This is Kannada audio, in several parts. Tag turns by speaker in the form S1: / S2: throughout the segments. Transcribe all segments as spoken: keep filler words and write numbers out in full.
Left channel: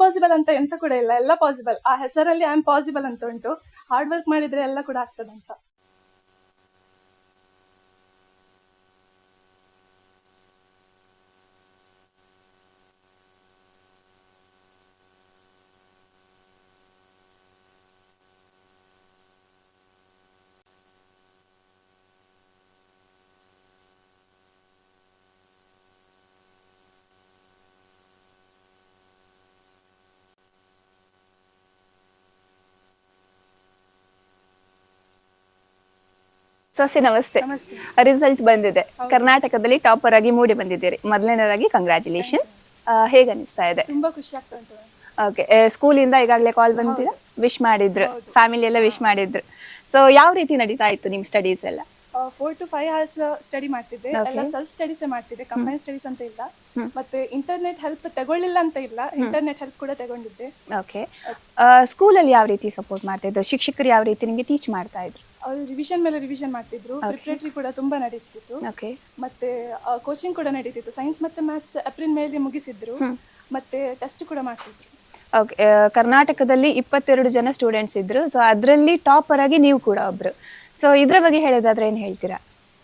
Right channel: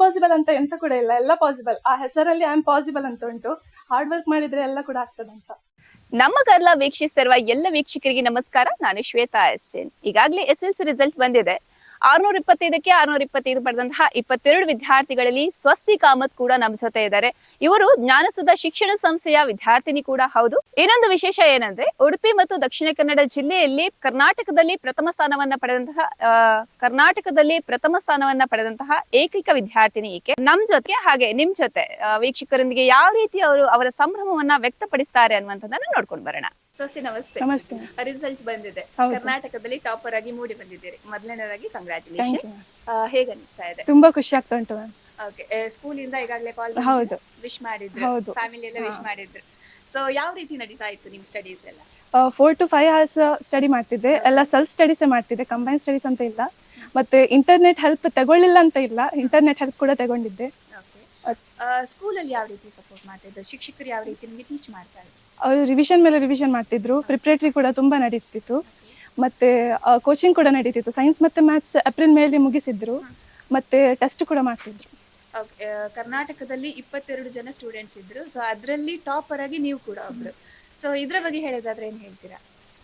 S1: ಇಂಪಾಸಿಬಲ್ ಅಂತ ಎಂತ ಕೂಡ ಇಲ್ಲ, ಎಲ್ಲ ಪಾಸಿಬಲ್. ಆ ಹೆಸರಲ್ಲಿ ಐ ಆಮ್ ಪಾಸಿಬಲ್ ಅಂತ ಉಂಟು. ಹಾರ್ಡ್ ವರ್ಕ್ ಮಾಡಿದ್ರೆ ಎಲ್ಲ ಕೂಡ ಆಗ್ತದಂತ.
S2: ನಮ್ಮ ಕರ್ಲ ವೀಕ್ಷಿಸ್ತಿರುವ ಎಲ್ಲ ವೀಕ್ಷಕರಿಗೆ ನಮಸ್ಕಾರ. ನಾನು ಶ್ವೇತಾ ಎಸ್ ಜೈನ್. ಈಗಾಗಲೇ ಎಸ್ ಎಲ್ ಸಿ ರಿಸಲ್ಟ್ ಬಂದಿದೆ. ಆರ್ನೂರ ಇಪ್ಪತ್ತೈದಕ್ಕೆ ಆರ್ನೂರ ಇಪ್ಪತ್ತೈದು ಪಡೆದಂತಹ ಇಪ್ಪತ್ತೆರಡು ವಿದ್ಯಾರ್ಥಿಗಳಲ್ಲಿ ಸ್ವಸ್ತಿ ಕಾಮತ್ ಕೂಡ ನಮ್ಮ ಜೊತೆ ಇದ್ದಾರೆ. ಇವರು ಜ್ಞಾನಸುಧ ಶಿಕ್ಷಣ ಸಂಸ್ಥೆಯ ವಿದ್ಯಾರ್ಥಿನಿ ಕೂಡ ಹೌದು. ಇನ್ನೊಂದು ವಿಶೇಷ ಏನಂದ್ರೆ ಉಡುಪಿ ಮತ್ತು ದಕ್ಷಿಣ ಕನ್ನಡ ಜಿಲ್ಲೆಯಲ್ಲಿ ಕರ್ನಾಟಕದಲ್ಲಿ ಪ್ರಥಮ ಸ್ಥಾನವನ್ನ ಪಡೆದಂತಹ ಆ ಕರ್ನಾಟಕದಲ್ಲಿ ಪ್ರಥಮ ಸ್ಥಾನವನ್ನ ಪಡೆದಂತಹ ಏಕೈಕ ವಿದ್ಯಾರ್ಥಿನಿ ಈಕೆ ನಮ್ ಜೊತೆ. ಹಾಗೆ ನಿಮ್ ಜೊತೆ ವೀಕ್ಷಕರೊಂದಿಗೆ ಯಾವ ರೀತಿ ಅವರು ಅವರ ಸಂಭ್ರಮವನ್ನ ವ್ಯಕ್ತಪಡಿಸ್ತಾರೆ ಅನ್ನುವಂಥದ್ದನ್ನ ನೋಡ್ಕೊಂಡು ಬರೋಣ. ಸೊಸೆ ನಮಸ್ತೆ.
S1: ನಮಸ್ತೆ.
S2: ರಿಸಲ್ಟ್ ಬಂದಿದೆ, ಕರ್ನಾಟಕದಲ್ಲಿ ಟಾಪರ್ ಆಗಿ ಮೂಡಿ ಬಂದಿದ್ದೀರಿ. ಮೊದಲನೇದಾಗಿ ಕಂಗ್ರಾಚುಲೇಷನ್. ಹೇಗ ಅನಿಸ್ತಾ ಇದೆ?
S1: ತುಂಬಾ ಖುಷಿ ಆಗ್ತಾ ಉಂಟು ಮ್ಯಾಮ್.
S2: ಓಕೆ, ಸ್ಕೂಲ್ ಇಂದ ಈಗಾಗಲೇ ಕಾಲ್ ಬಂದಿದೆ, ವಿಶ್ ಮಾಡಿದ್ರು, ಫ್ಯಾಮಿಲಿ ಎಲ್ಲ ವಿಶ್ ಮಾಡಿದ್ರು. ಸೊ ಯಾವ ರೀತಿ ನಡೀತಾ ಇತ್ತು ನಿಮ್ ಸ್ಟಡೀಸ್ ಎಲ್ಲ?
S1: Four to five hours study ಮಾಡ್ತಿದ್ದೆ. ಎಲ್ಲ ಸೆಲ್ಫ್ ಸ್ಟಡೀಸ್ ಮಾಡ್ತಿದ್ದೆ, ಕಂಬೈನ್ ಸ್ಟಡೀಸ್ ಅಂತ ಇಲ್ಲ. ಮತ್ತೆ ಇಂಟರ್ನೆಟ್ ಹೆಲ್ಪ್ ತಗೊಳ್ಳಿಲ್ಲ ಅಂತ ಇಲ್ಲ, ಇಂಟರ್ನೆಟ್ ಹೆಲ್ಪ್ ಕೂಡ ತಗೊಂಡಿದ್ದೆ.
S2: ಓಕೆ, ಸ್ಕೂಲ್ ಅಲ್ಲಿ ಯಾವ ರೀತಿ ಸಪೋರ್ಟ್ ಮಾಡ್ತಾ ಇದ್ರು? ಶಿಕ್ಷಕರು ಯಾವ ರೀತಿ ನಿಮ್ಗೆ ಟೀಚ್ ಮಾಡ್ತಾ ಇದ್ರು?
S1: ಅವರು ರಿವಿಷನ್ ಮೇಲೆ ರಿವಿಷನ್ ಮಾಡ್ತಿದ್ರು. ಪ್ರಿಪರೇಟರಿ ಕೂಡ ತುಂಬಾ ನಡೀತಿತ್ತು. ಮತ್ತೆ ಕೋಚಿಂಗ್ ಕೂಡ ನಡೀತಿತ್ತು. ಸೈನ್ಸ್ ಮತ್ತೆ ಮ್ಯಾಥ್ಸ್ ಏಪ್ರಿಲ್ ಮೇಲೆ ಮುಗಿಸಿದ್ರು. ಮತ್ತೆ ಟೆಸ್ಟ್ ಕೂಡ ಮಾಡ್ತಿದ್ರು.
S2: ಓಕೆ, ಕರ್ನಾಟಕದಲ್ಲಿ ಇಪ್ಪತ್ತೆರಡು ಜನ ಸ್ಟೂಡೆಂಟ್ಸ್ ಇದ್ರು. ಸೊ ಅದರಲ್ಲಿ ಟಾಪರ್ ಆಗಿ ನೀವು ಕೂಡ ಒಬ್ರು. ಸೊ ಇದ್ರ ಬಗ್ಗೆ ಹೇಳೋದಾದ್ರೆ ಏನ್ ಹೇಳ್ತೀರಾ?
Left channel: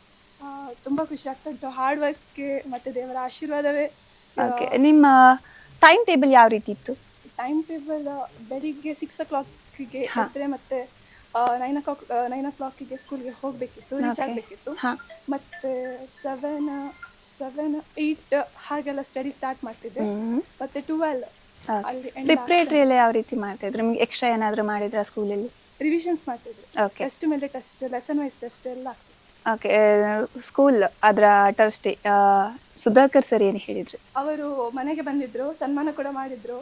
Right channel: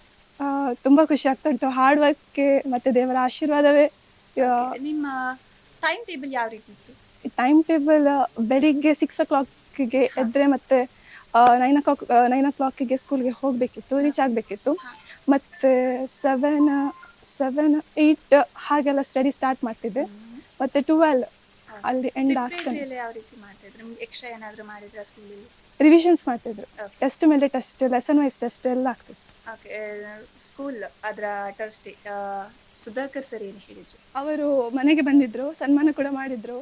S1: ತುಂಬಾ ಖುಷಿ ಆಗ್ತಾ ಉಂಟು. ಹಾರ್ಡ್ ವರ್ಕ್ ಮತ್ತೆ ದೇವರ ಆಶೀರ್ವಾದವೇ.
S2: ನಿಮ್ಮ ಟೈಮ್ ಟೇಬಲ್ ಯಾವ ರೀತಿ ಇತ್ತು?
S1: ಟೈಮ್ ಟೇಬಲ್ ಬೆಳಿಗ್ಗೆ ಸಿಕ್ಸ್ ಓ ಕ್ಲಾಕ್ಗೆ ಎದ್ರೆ ಮತ್ತೆ nine o clock nine o ಕ್ಲಾಕ್ಗೆ ಸ್ಕೂಲ್ಗೆ ಹೋಗ್ಬೇಕಿತ್ತು, ರೀಚ್ ಆಗ್ಬೇಕಿತ್ತು. ಮತ್ತೆ ಸೆವೆನ್ ಸೆವೆನ್ ಏಟ್ ಹಾಗೆಲ್ಲ ಸ್ಟಡಿ ಸ್ಟಾರ್ಟ್ ಮಾಡ್ತಿದ್ದೆ. ಮತ್ತೆ ಟ್ವೆಲ್ ಅಲ್ಲಿ
S2: ಪ್ರಿಪರೇಟರಿ ಎಲ್ಲ ಯಾವ ರೀತಿ ಮಾಡ್ತಾ ಇದ್ರು? ನಿಮ್ಗೆ ಎಕ್ಸ್ಟ್ರಾ ಏನಾದ್ರು ಮಾಡಿದ್ರ ಸ್ಕೂಲಲ್ಲಿ?
S1: ರಿವಿಷನ್ಸ್ ಮಾಡ್ತಿದ್ರು. ಟೆಸ್ಟ್ ಮೇಲೆ ಟೆಸ್ಟ್, ಲೆಸನ್ ವೈಸ್ ಟೆಸ್ಟ್ ಎಲ್ಲ ಆಗ್ತಿತ್ತು.
S2: ಓಕೆ, ಸ್ಕೂಲ್ ಅದರ ಟ್ರಸ್ಟಿ ಸುಧಾಕರ್ ಸರ್ ಏನು ಹೇಳಿದ್ರು?
S1: ಅವರು ಮನೆಗೆ ಬಂದಿದ್ರು, ಸನ್ಮಾನ ಕೂಡ ಮಾಡಿದ್ರು.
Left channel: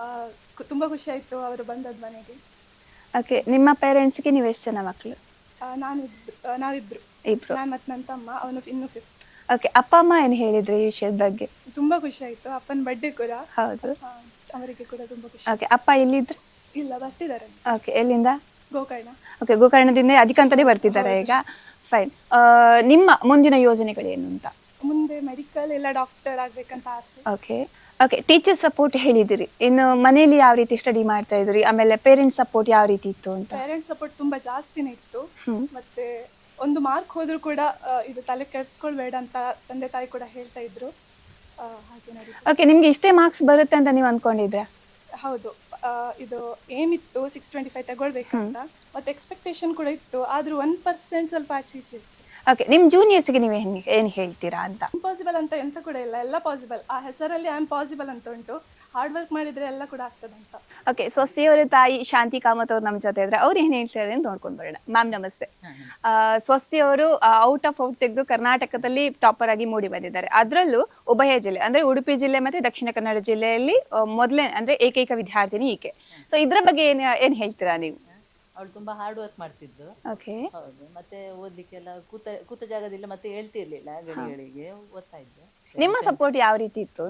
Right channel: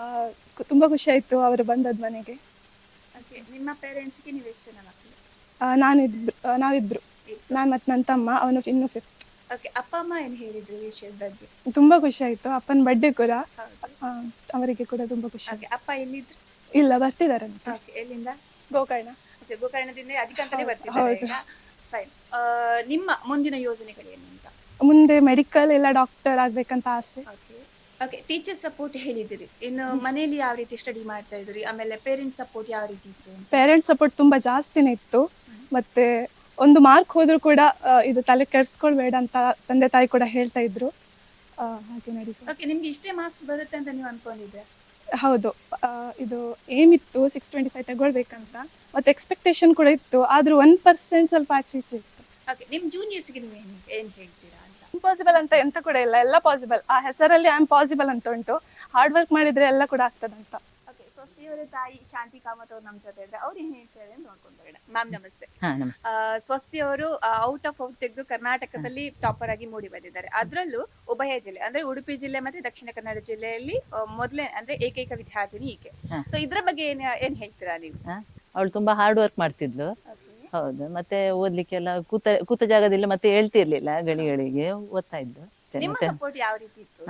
S1: ತುಂಬಾ ಖುಷಿ ಆಯ್ತು ಅವರು ಬಂದದ್ ಮನೆಗೆ.
S2: ಓಕೆ, ನಿಮ್ಮ ಪೇರೆಂಟ್ಸ್ಗೆ ನೀವು ಎಷ್ಟು ಜನ ಮಕ್ಕಳು?
S1: ನಾನಿಬ್ರು ನಾವಿಬ್ರು
S2: ಇಬ್ರು.
S1: ನಾನು ಮತ್ತೆ ನನ್ನ ತಮ್ಮ, ಅವನು ಇನ್ನು ಫಿಫ್ತ್.
S2: ಓಕೆ, ಅಪ್ಪ ಅಮ್ಮ ಏನು ಹೇಳಿದ್ರು ಈ ವಿಷಯದ ಬಗ್ಗೆ?
S1: ತುಂಬಾ ಖುಷಿ ಆಯ್ತು. ಅಪ್ಪನ ಬರ್ಡೇ ಕೂಡ
S2: ಹೌದು,
S1: ಅವರಿಗೆ ಕೂಡ ತುಂಬಾ ಖುಷಿ.
S2: ಓಕೆ, ಅಪ್ಪ ಎಲ್ಲಿದ್ರು?
S1: ಇಲ್ಲ, ಬರ್ತಿದ್ದಾರೆ.
S2: ಓಕೆ, ಎಲ್ಲಿಂದ?
S1: ಗೋಕರ್ಣ.
S2: ಓಕೆ, ಗೋಕರ್ಣದಿಂದ ಅದಕ್ಕಂತಾನೆ ಬರ್ತಿದ್ದಾರೆ ಈಗ. ಫೈನ್. ನಿಮ್ಮ ಮುಂದಿನ ಯೋಜನೆಗಳೇನು ಅಂತ?
S1: ಮುಂದೆ ಮೆಡಿಕಲ್ ಇಲ್ಲ ಡಾಕ್ಟರ್ ಆಗ್ಬೇಕಂತ ಆಸೆ.
S2: ಓಕೆ ಓಕೆ ಟೀಚರ್ ಸಪೋರ್ಟ್ ಹೇಳಿದಿರಿ. ಇನ್ನು ಮನೆಯಲ್ಲಿ ಯಾವ ರೀತಿ ಸ್ಟಡಿ ಮಾಡ್ತಾ ಇದ್ರಿ? ಆಮೇಲೆ ಪೇರೆಂಟ್ಸ್ ಸಪೋರ್ಟ್ ಯಾವ ರೀತಿ ಇತ್ತು?
S1: ಪೇರೆಂಟ್ಸ್ ಸಪೋರ್ಟ್ ತುಂಬಾ ಜಾಸ್ತಿನೇ ಇತ್ತು. ಮತ್ತೆ ಒಂದು ಮಾರ್ಕ್ ಹೋದ್ರು ಕೂಡ ಇದು ತಲೆ ಕೆಡ್ಸ್ಕೊಳ್ಬೇಡ ಅಂತ ತಂದೆ ತಾಯಿ ಕೂಡ ಹೇಳ್ತಾ ಇದ್ರು. ಹಾಗೆ ನೋಡಿ.
S2: ಓಕೆ, ನಿಮ್ಗೆ ಇಷ್ಟೇ ಮಾರ್ಕ್ಸ್ ಬರುತ್ತೆ ಅಂತ ನೀವು ಅನ್ಕೊಂಡಿದ್ರಾ?
S1: ಹೌದು, ಇದು ಏಮ್ ಇತ್ತು ಸಿಕ್ಸ್ ಟ್ವೆಂಟಿ ಫೈವ್ ತಗೊಳ್ಬೇಕಂತ. ಮತ್ತೆ ಎಕ್ಸ್ಪೆಕ್ಟೇಷನ್ ಕೂಡ ಇತ್ತು, ಆದ್ರೂ ಒನ್ ಪರ್ಸೆಂಟ್ ಸ್ವಲ್ಪ ಆಚೆ ಈಚೆ.
S2: ಓಕೆ, ನಿಮ್ ಜೂನಿಯರ್ಸ್ಗೆ ನೀವು ಏನ್ ಹೇಳ್ತೀರಾ ಅಂತ?
S1: ಇಂಪಾಸಿಬಲ್ ಅಂತ ಎಂತ ಕೂಡ ಇಲ್ಲ, ಎಲ್ಲ ಪಾಸಿಬಲ್. ಆ ಹೆಸರಲ್ಲಿ ಐ ಆಮ್ ಪಾಸಿಬಲ್ ಅಂತ ಉಂಟು. ಹಾರ್ಡ್ ವರ್ಕ್ ಮಾಡಿದ್ರೆ ಎಲ್ಲ ಕೂಡ ಆಗ್ತದಂತ.
S2: ಓಕೆ, ಸ್ವಸ್ತಿಯವರ ತಾಯಿ ಶಾಂತಿ ಕಾಮತ್ ಅವ್ರು ನಮ್ ಜೊತೆ ಇದ್ರೆ ಅವ್ರು ಏನ್ ಹೇಳ್ತಾರೆ ಅಂತ ನೋಡ್ಕೊಂಡ್ ಬರೋಣ. ಮ್ಯಾಮ್ ನಮಸ್ತೆ. ಸ್ವಸ್ತಿಯವರು ಔಟ್ ಆಫ್ ಔಟ್ ತೆಗೆದು ಕರ್ನಾಟಕದಲ್ಲಿ ಟಾಪರ್ ಆಗಿ ಮೂಡಿ ಬಂದಿದ್ದಾರೆ. ಅದ್ರಲ್ಲೂ ಉಭಯ ಜಿಲ್ಲೆ ಅಂದ್ರೆ ಉಡುಪಿ ಜಿಲ್ಲೆ ಮತ್ತೆ ದಕ್ಷಿಣ ಕನ್ನಡ ಜಿಲ್ಲೆಯಲ್ಲಿ ಮೊದಲೇ ಅಂದ್ರೆ ಏಕೈಕ ವಿದ್ಯಾರ್ಥಿನಿ ಈಕೆ. ಸೊ ಇದ್ರ ಬಗ್ಗೆ ಏನ್ ಏನ್ ಹೇಳ್ತೀರಾ ನೀವು?
S3: ಅವಳು ತುಂಬಾ ಹಾರ್ಡ್ ವರ್ಕ್ ಮಾಡ್ತಿದ್ಲು. ಹೌದು, ಮತ್ತೆ ಓದ್ಲಿಕ್ಕೆಲ್ಲ ಕೂತ ಕೂತ ಜಾಗದಲ್ಲಿ ಮತ್ತೆ ಹೇಳ್ತಿರ್ಲಿಲ್ಲ, ಗಳಿಗಳಿಗೆ ಓದ್ತಾ ಇದ್ದು.
S2: ನಿಮ್ಮ ಸಪೋರ್ಟ್ ಯಾವ ರೀತಿ ಇತ್ತು?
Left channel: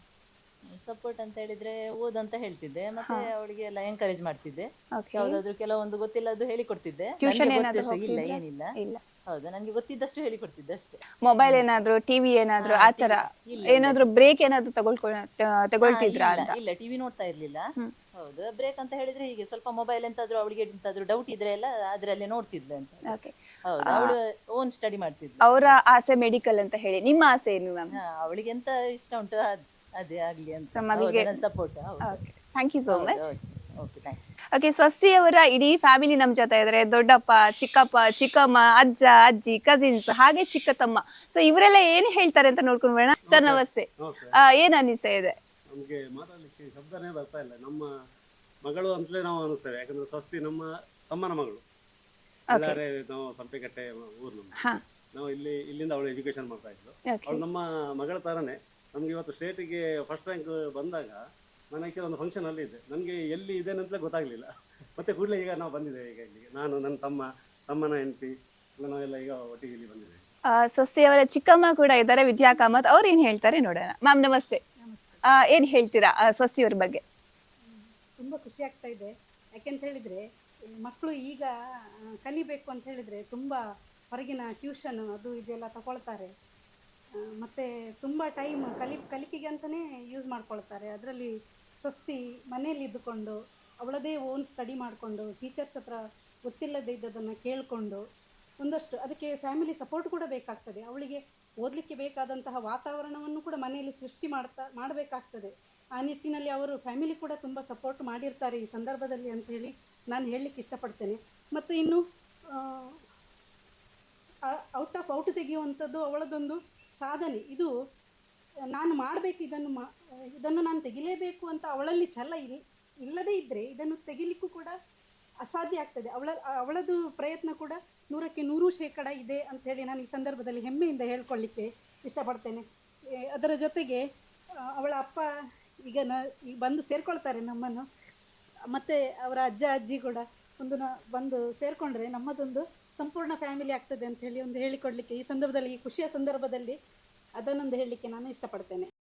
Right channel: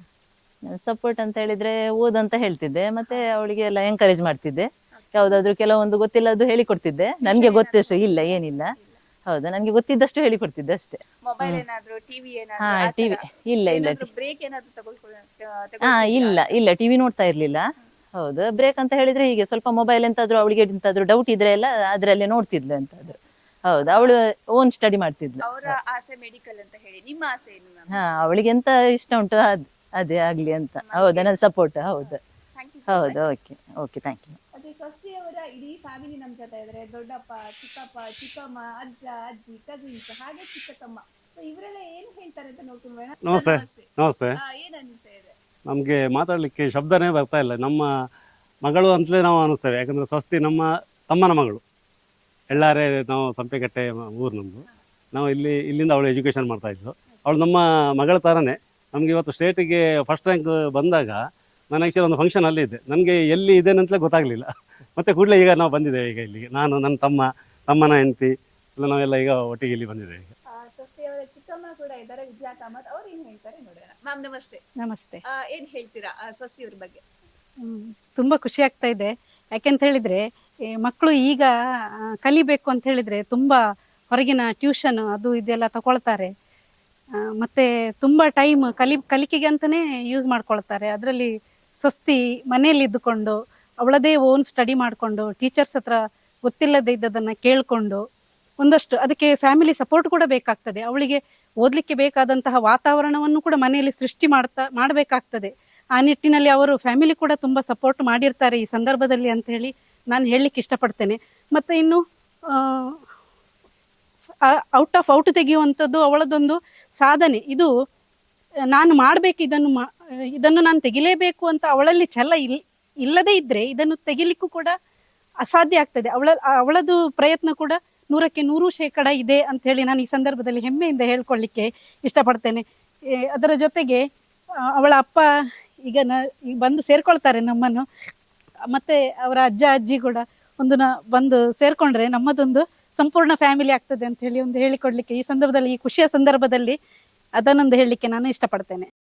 S3: ಸಪೋರ್ಟ್ ಅಂತ ಹೇಳಿದ್ರೆ ಓದಂತ ಹೇಳ್ತಿದ್ದೆ, ಮತ್ತೆ ಅವಳಿಗೆ ಎಲ್ಲ ಎಂಕರೇಜ್ ಮಾಡ್ತಿದ್ದೆ. ಯಾವ್ದಾದ್ರು ಕೆಲವೊಂದು ಗೊತ್ತಿಲ್ಲದ್ದು ಹೇಳಿಕೊಡ್ತಿದ್ದೆ. ನನ್ಗೆ ಗೊತ್ತಷ್ಟು ಇಲ್ಲ, ಏನಿಲ್ಲ. ಹೌದಾ, ನನ್ಗೆ ಗೊತ್ತಿದ್ದಷ್ಟು ಹೇಳಿಕೊಡ್ತಿದ್ದೆ ಅಷ್ಟೇ.
S2: ಮೊಬೈಲ್ ಏನಾದ್ರು, ಟಿವಿ ಏನಾದ್ರು
S3: ಇಲ್ಲ,
S2: ಏನಾದ್ರು ಬ್ರೇಕ್ ಏನಾದ್ರು ತಗೊಳ್ಕೊಳ್ಳ?
S3: ಇಲ್ಲ ಇಲ್ಲ, ಟಿವಿ ನೋಡ್ತಾ ಇರ್ಲಿಲ್ಲ. ಹೌದು, ಬ್ರೇಕ್ ಅಂತ ಹೇಳಿದ್ರೆ ಹೀಗೆ ಸ್ವಲ್ಪ ಮೊಬೈಲ್ ಎಂತಾದ್ರು ಅವಳಿಗೆ ಎಂತಾದ್ರು ಡೌಟ್ ಇದ್ರೆ ಎಲ್ಲ ಅದ್ರಲ್ಲೇ ನೋಡ್ತಿದ್ಲು ಅಂತ. ಹೌದು, ಅವಳು ಓನ್ ಸ್ಟಡಿ ಮಾಡ್ತಿದ್ಲು.
S2: ಅವರ ಆಸೆ ಮೆಡಿಕಲ್ ಅಂತ ಹೇಳಿ, ನಿಮ್ಮ ಆಸೆ ಏನು?
S3: ಹಾ, ಅವಳಿಗೆ ಎಂತ ಇಷ್ಟ ಉಂಟು ಅದೇ ಆಗ್ಲಿ ಅಂತ. ಹೌದು, ನನ್ನ ಸಪೋರ್ಟ್. ಹೌದು,
S2: thank you so much.
S3: Okay okay, thank you.
S2: Okay, Swasti ಅವರ ಇಡೀ ಫ್ಯಾಮಿಲಿ ನಮ್ ಜೊತೆ ಇದ್ರೆ. ದೊಡ್ಡಪ್ಪ, ಚಿಕ್ಕಪ್ಪ, ಚಿಕ್ಕಮ್ಮ, ಅಜ್ಜ, ಅಜ್ಜಿ, ಕಸಿನ್ಸ್, ಹಾಗೆ ಚಿಕ್ಕ ತಮ್ಮ. ಸೊ ಇವರೆಲ್ಲ ಏನ್ ಹೇಳ್ತಾರೆ ಅಂತ ನೋಡ್ಕೊಂಡ್ ಬೇಡ. ಸರ್ ನಮಸ್ತೆ.
S4: ನಮಸ್ತೆ.
S2: ಏನ್ ಅನಿಸ್ತಾ ಇದೆ?
S4: ನಮ್ಗೆ ಮಾತಾಡ್ಲಿಕ್ಕೆ ಶಬ್ದನೇ ಬರ್ತಾ ಇಲ್ಲ. ನಮ್ಮ ಮಗಳು ಅಂತಲೇ ನಾವು ಅನಿಸ್ತೇವೆ, ಯಾಕಂದ್ರೆ ಸ್ವಸ್ತಿ ನಮ್ಮ ತಮ್ಮನ ಮಗಳು. ಎಲ್ಲಾರೇ ನಾವು ಸಂಪೆಕಟ್ಟೆ ಊರು ನಮ್ದು. ನಾವು ಇಲ್ಲಿ ಇಲ್ಲಿಂದ ಅವಳು ಎಜುಕೇಶನ್ ಮಾಡ್ತಾ ಇದ್ಲು. ಅವಳು ನಮ್ಮ ಮಗಳ ತರನೇ. ನಮ್ಗೆ ಇವತ್ತು ಸ್ಟೇಟಿಗೆ ಫಸ್ಟ್ ರ್ಯಾಂಕ್ ಬಂದಾಗ ನಾನು ಆಕ್ಚುಲಿ ಒಂದು ಫಂಕ್ಷನ್ ಅಲ್ಲಿ ಇದ್ದೆ. ನನಗೆ ಎಲ್ಲಿ ಇದೇನೆ ಅಂತಲೇ ಗೊತ್ತಾಗ್ಲಿಲ್ಲ. ಮತ್ತೆ ಕೂಡಲೇ ಈಗ ನಾವು ಬಂದಿದ್ದೇವೆ ಈಗ ಇಲ್ಲಿಗೆ. ನಾನು, ನನ್ನ ತಮ್ಮ, ತಮ್ಮನ ಹೆಂಡತಿ ಎಲ್ಲ ನಾವೆಲ್ಲ ಈಗ ಒಟ್ಟಿಗೆ ಇಲ್ಲಿ ಬಂದಿದ್ದೇವೆ.
S2: ಸ್ವಸ್ತಿ ಅವರ ಚಿಕ್ಕಮ್ಮ ಕೂಡ ಇದ್ದಾರೆ, ವಿದ್ಯಾ ಕಾಮತ್. ಅವ್ರು ಏನ್ ಹೇಳ್ತಾರೆ ನೋಡೋಣ. ಮ್ಯಾಮ್ ನಮಸ್ತೆ.
S5: ನಮಸ್ತೆ.
S2: ಏನ್ ಹೇಳ್ತೀರಾ ಸ್ವಸ್ತಿ ಅವ್ರ ಬಗ್ಗೆ?
S5: ತುಂಬಾ ಖುಷಿ ಆಗ್ತಾ ಇದೆ. ಯಾಕೆಂತ ಹೇಳಿದ್ರೆ ಮಕ್ಕಳು ಈಗ ಕಲಿಬೇಕು ಅಂತ ಹೇಳಿದ್ರೆ ತುಂಬಾ ಹೊರಗಿನ ಟ್ಯೂಷನ್ ಅದು ಇದೆಲ್ಲ ತಗೊಳ್ತಾರೆ. ಮತ್ತೆ ತುಂಬಾ ಟೈಮ್ ಕಲಿ ಕಲಿಕೆಗೆ ಅಂತಾನೆ ಯೂಸ್ ಮಾಡ್ಕೊಳ್ತಾರೆ. ಅದರಲ್ಲಿ ಸ್ವಸ್ತಿ ಮನೆಯಲ್ಲಿ ಇದ್ದುಕೊಂಡು ಅವಳದೇ ಓನ್ ಸ್ಟಡಿ ಮಾಡಿಕೊಂಡು ಟೀಚರ್ಸ್ ಹತ್ರ ಗೊತ್ತಿಲ್ಲದೆ ಇದ್ದದನ್ನು ಕೇಳಿಕೊಂಡು ಒಂದಷ್ಟು ಅದಕ್ಕೆ ಫ್ಯಾಮಿಲಿ ಸಪೋರ್ಟ್ ಕೂಡ ಬೇಕಾಗ್ತದೆ. ಅವಳಿಗೆ ಓದಲಿಕ್ಕೆ ಬೇಕಾದಂತಹ ವಾತಾವರಣವನ್ನು ಕೂಡ ಮನೆಯಲ್ಲಿ ಸೃಷ್ಟಿ ಮಾಡ್ತಾ ಮಾಡಬೇಕಾಗ್ತದೆ. ಆ ನಿಟ್ಟಿನಲ್ಲಿ ಅವರು ಫ್ಯಾಮಿಲಿ ಕೂಡ ತುಂಬ ಸಪೋರ್ಟ್ ಮಾಡಿರ್ತಾರೆ ಈ ಸಂದರ್ಭದಲ್ಲಿ ಅಂತ ಹೇಳಿ ನಾನು ಹೇಳಲಿಕ್ಕೆ ಇಷ್ಟಪಡ್ತೇನೆ. ಮತ್ತು ಇನ್ನು ಔಟ್ ಆಫ್ ಔಟ್ ತೆಗೆಯುವಂಥದ್ದು ಅವಳದೊಂದು ಸಾಧನೆ. ಇದು ನಾನು ಮಾಡಬೇಕು, ಇದನ್ನು ಮಾ ಇದನ್ನು ನಾನು ತೆಗಿಲೇಬೇಕು ಅಂತ ಅವಳಲ್ಲಿ ಛಲ ಇಲ್ ಇಲ್ಲದೇ ಇದ್ದರೆ ಇದನ್ನು ತೆಗಿಲಿಕ್ಕೂ ಕೂಡ ಅಸಾಧ್ಯ ಆಗ್ತದೆ. ಅವಳ ಅವಳದು ಪ್ರಯತ್ನ ಕೂಡ ನೂರಕ್ಕೆ ನೂರು ಶೇಕಡ ಇದೆ ಅಂತ ಹೇಳಿ ನಾನು ಈ ಸಂದರ್ಭದಲ್ಲಿ ಹೆಮ್ಮೆಯಿಂದ ಹೇಳ್ಕೊಳ್ಳಿಕ್ಕೆ ಇಷ್ಟಪಡ್ತೇನೆ. ಅದರ ಜೊತೆಗೆ ಅವಳ ಅಪ್ಪ ಈಗ ನ ಈಗ ಬಂದು ಸೇರ್ಕೊಳ್ತಾರೆ ನಮ್ಮನ್ನು, ಮತ್ತು ಅವರ ಅಜ್ಜ ಅಜ್ಜಿ ಕೂಡ ಒಂದು ನ ಬಂದು ಸೇರಿಕೊಂಡ್ರೆ ನಮ್ಮದೊಂದು ಸಂಪೂರ್ಣ ಫ್ಯಾಮಿಲಿ ಆಗ್ತದೆ ಅಂತ ಹೇಳಿ ಒಂದು ಹೇಳಿಕೊಡ್ಲಿಕ್ಕೆ ಈ ಸಂದರ್ಭದಲ್ಲಿ, ಈ ಖುಷಿಯ ಸಂದರ್ಭದಲ್ಲಿ ಅದನ್ನೊಂದು ಹೇಳಲಿಕ್ಕೆ ನಾನು ಇಷ್ಟಪಡ್ತೇನೆ.